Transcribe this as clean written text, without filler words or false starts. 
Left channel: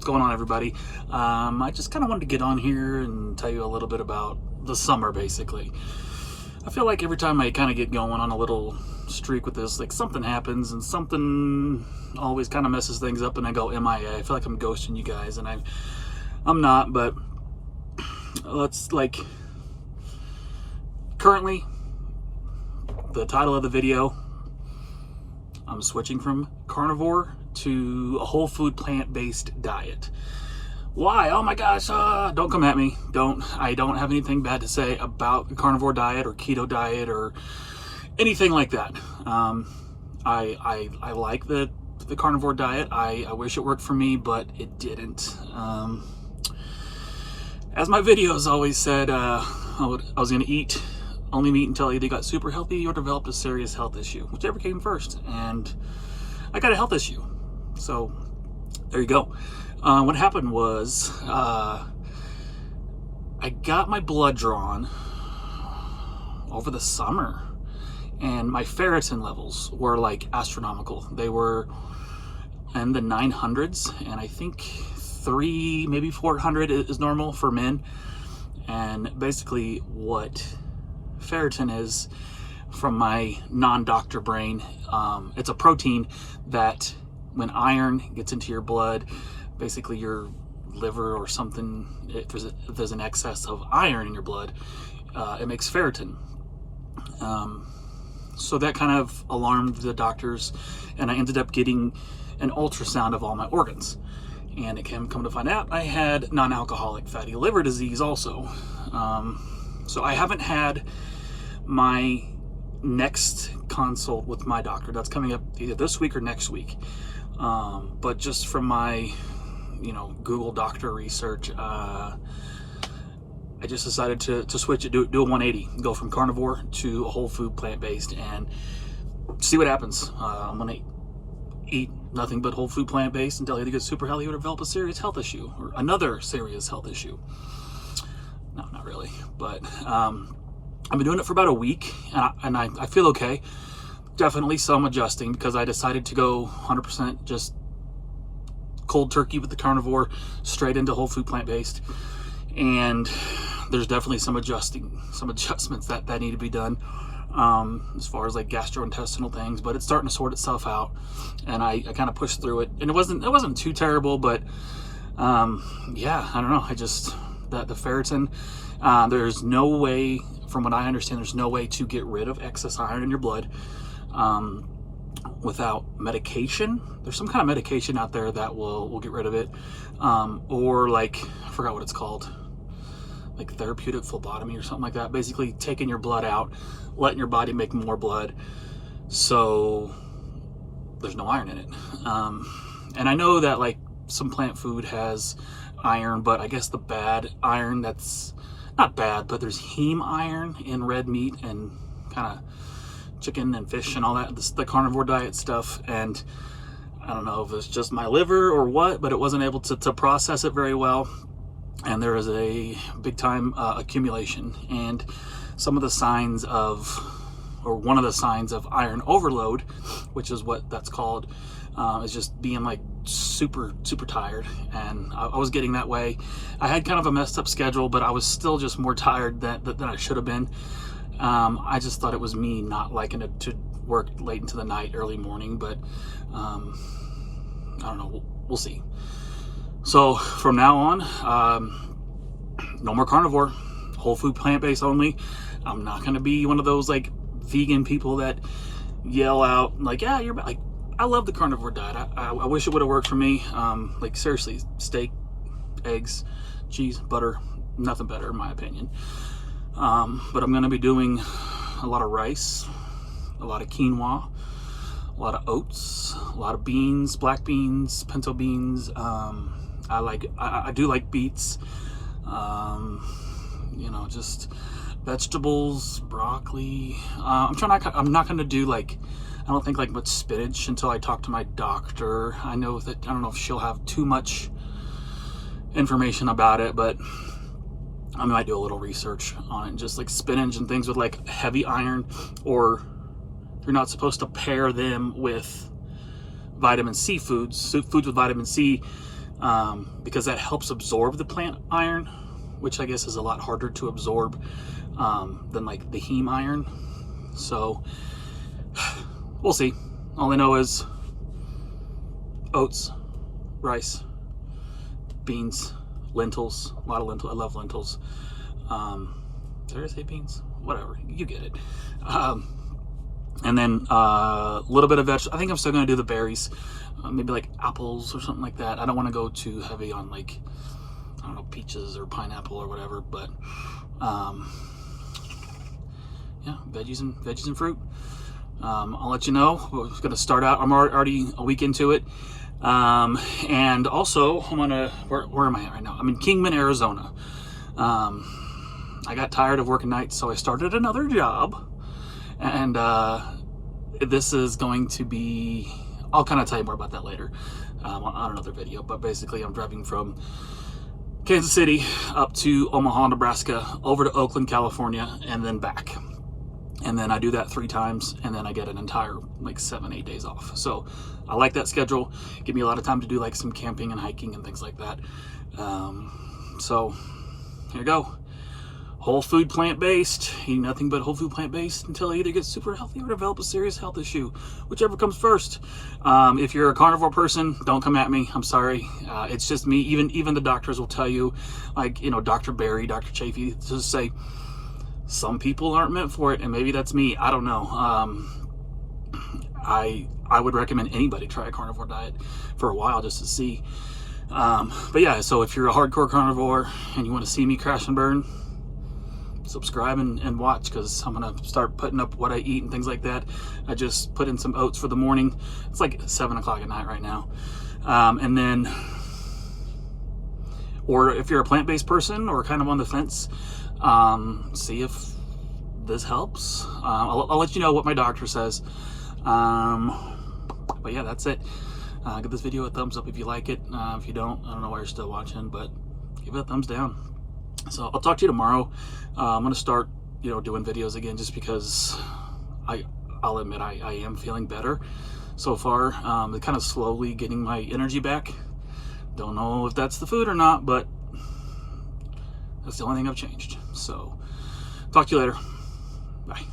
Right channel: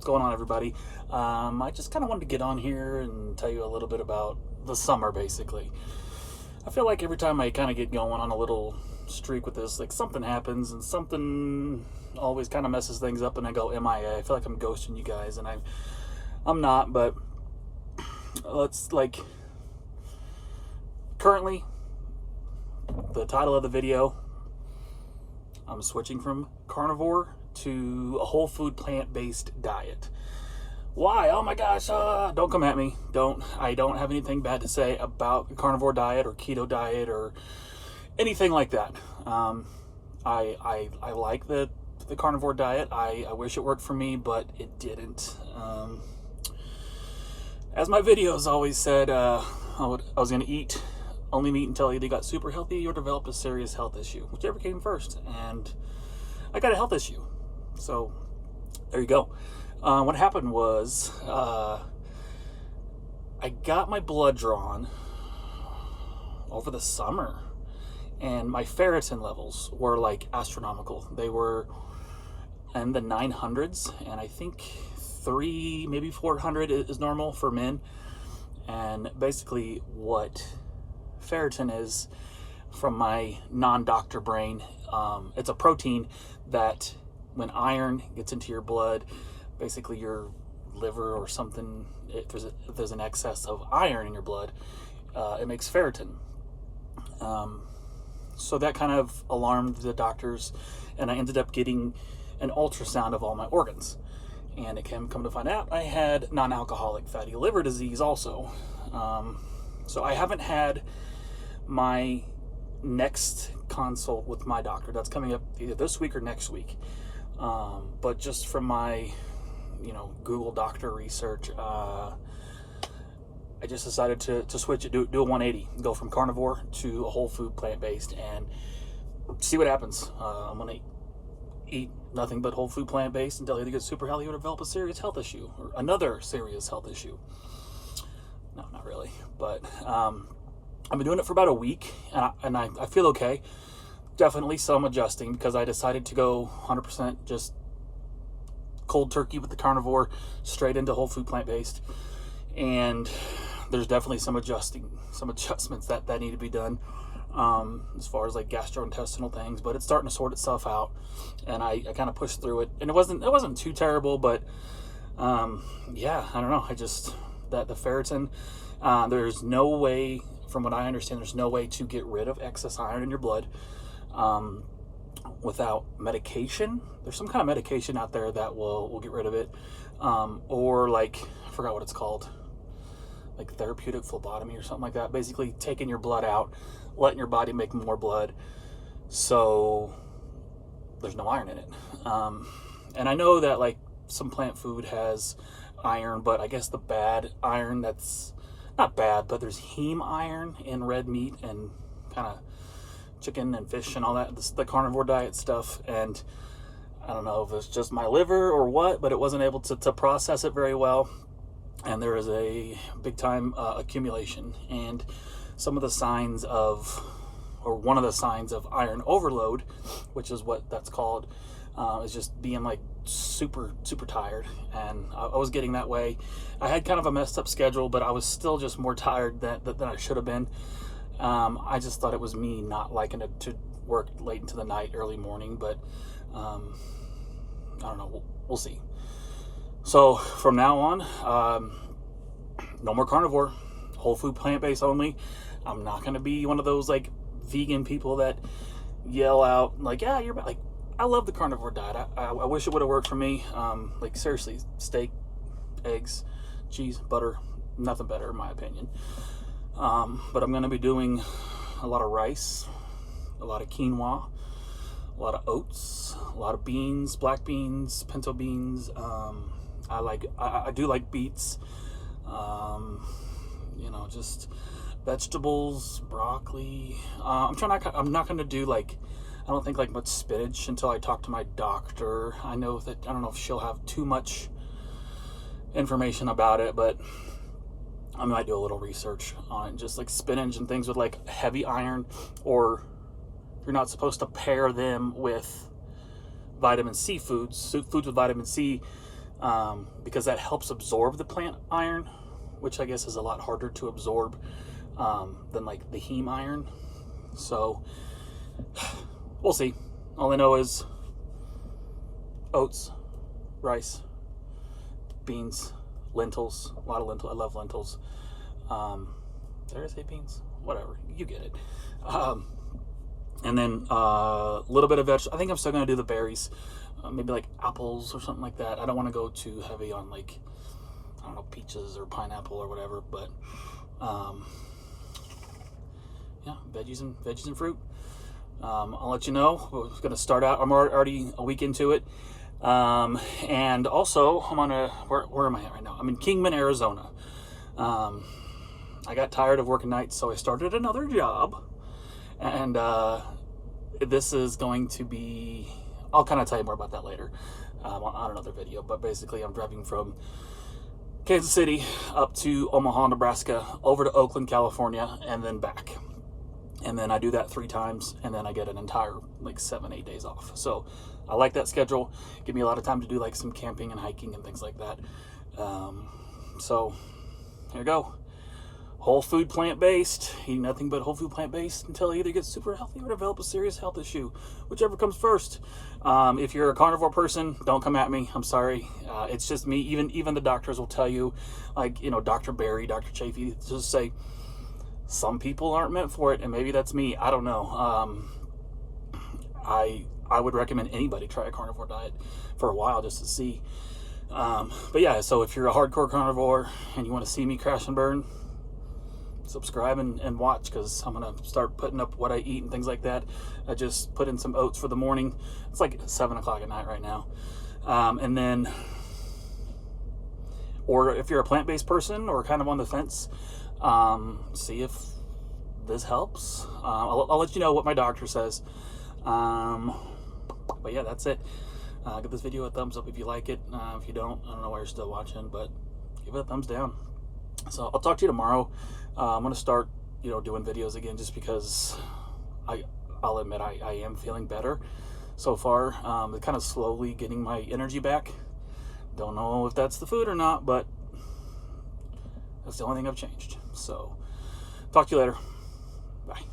What's going on, everybody? I just kind of wanted to get on here and tell you a little bit about the summer, basically. I feel like every time I kind of get going on a little streak with this, like something happens and something always kind of messes things up and I go MIA. I feel like I'm ghosting you guys, and I'm not, but let's currently, the title of the video, I'm switching from carnivore to a whole food plant-based diet. Why? Oh my gosh, don't come at me. I don't have anything bad to say about the carnivore diet or keto diet or anything like that. I like the carnivore diet. I wish it worked for me, but it didn't. As my videos always said, I was going to eat only meat until I either got super healthy or developed a serious health issue, whichever came first. And I got a health issue. So there you go. What happened was I got my blood drawn over the summer, and my ferritin levels were like astronomical. They were in the 900s, and I think 300, maybe 400 is normal for men. And basically what ferritin is, from my non-doctor brain, it's a protein that when iron gets into your blood, basically your liver or something, if there's an excess of iron in your blood, it makes ferritin. So that kind of alarmed the doctors, and I ended up getting an ultrasound of all my organs. And it come to find out I had non-alcoholic fatty liver disease also. So I haven't had my next consult with my doctor. That's coming up either this week or next week. But just from my Google doctor research, I just decided to switch it, do a 180, go from carnivore to a whole food plant-based, and see what happens. I'm gonna eat nothing but whole food plant-based until I either get super healthy or develop a serious health issue, or another serious health issue. No, not really, but I've been doing it for about a week, and I feel okay. Definitely some adjusting, because I decided to go 100% just cold turkey with the carnivore, straight into whole food plant-based. And there's definitely some adjustments that need to be done, as far as like gastrointestinal things, but it's starting to sort itself out, and I kind of pushed through it, and it wasn't too terrible, but yeah, I don't know, the ferritin, there's no way, from what I understand, there's no way to get rid of excess iron in your blood without medication. There's some kind of medication out there that will get rid of it, or like, I forgot what it's called, like therapeutic phlebotomy or something like that. Basically taking your blood out, letting your body make more blood, so there's no iron in it. And I know that like some plant food has iron, but I guess the bad iron, that's not bad, but there's heme iron in red meat and kind of chicken and fish and all that, the carnivore diet stuff. And I don't know if it's just my liver or what, but it wasn't able to process it very well, and there is a big time accumulation. And some of the signs of, or one of the signs of iron overload, which is what that's called, is just being like super tired. And I was getting that way. I had kind of a messed up schedule, but I was still just more tired than I should have been. I just thought it was me not liking it to work late into the night, early morning, but I don't know, we'll see. So from now on, no more carnivore, whole food plant-based only. I'm not going to be one of those like vegan people that yell out like, yeah, you're like, I love the carnivore diet. I wish it would have worked for me. Like seriously, steak, eggs, cheese, butter, nothing better in my opinion. But I'm going to be doing a lot of rice, a lot of quinoa, a lot of oats, a lot of beans, black beans, pinto beans. I do like beets, just vegetables, broccoli. I'm not going to do like, I don't think like much spinach until I talk to my doctor. I don't know if she'll have too much information about it, but I might do a little research on it. Just like spinach and things with like heavy iron, or you're not supposed to pair them with vitamin C foods. Foods with vitamin C because that helps absorb the plant iron, which I guess is a lot harder to absorb than like the heme iron. So we'll see. All I know is oats, rice, beans, lentils, a lot of lentils. I love lentils. Did I say beans? Whatever, you get it. And then a little bit of vegetables. I think I'm still gonna do the berries, maybe like apples or something like that. I don't want to go too heavy on like, I don't know, peaches or pineapple or whatever. But yeah, veggies and fruit. I'll let you know. We're gonna start out. I'm already a week into it. And also I'm on where am I at right now? I'm in Kingman, Arizona. I got tired of working nights, so I started another job, and this is going to be, I'll kind of tell you more about that later on another video. But basically I'm driving from Kansas City up to Omaha, Nebraska, over to Oakland, California, and then back. And then I do that 3 times, and then I get an entire like 7-8 days off. So I like that schedule. Give me a lot of time to do like some camping and hiking and things like that. So here you go. Whole food, plant-based. Eat nothing but whole food, plant-based until I either get super healthy or develop a serious health issue, whichever comes first. If you're a carnivore person, don't come at me. I'm sorry. It's just me. Even the doctors will tell you, like, you know, Dr. Barry, Dr. Chafee, just say some people aren't meant for it, and maybe that's me. I don't know. I would recommend anybody try a carnivore diet for a while just to see. But yeah, so if you're a hardcore carnivore and you want to see me crash and burn, subscribe and watch, because I'm gonna start putting up what I eat and things like that. I just put in some oats for the morning. It's like 7 o'clock at night right now. And then, or if you're a plant-based person or kind of on the fence, see if this helps. I'll let you know what my doctor says. But yeah, that's it. Give this video a thumbs up if you like it. If you don't, I don't know why you're still watching, but give it a thumbs down. So I'll talk to you tomorrow. I'm gonna start, you know, doing videos again, just because I'll admit I am feeling better so far. Kind of slowly getting my energy back. Don't know if that's the food or not, but that's the only thing I've changed. So talk to you later. Bye.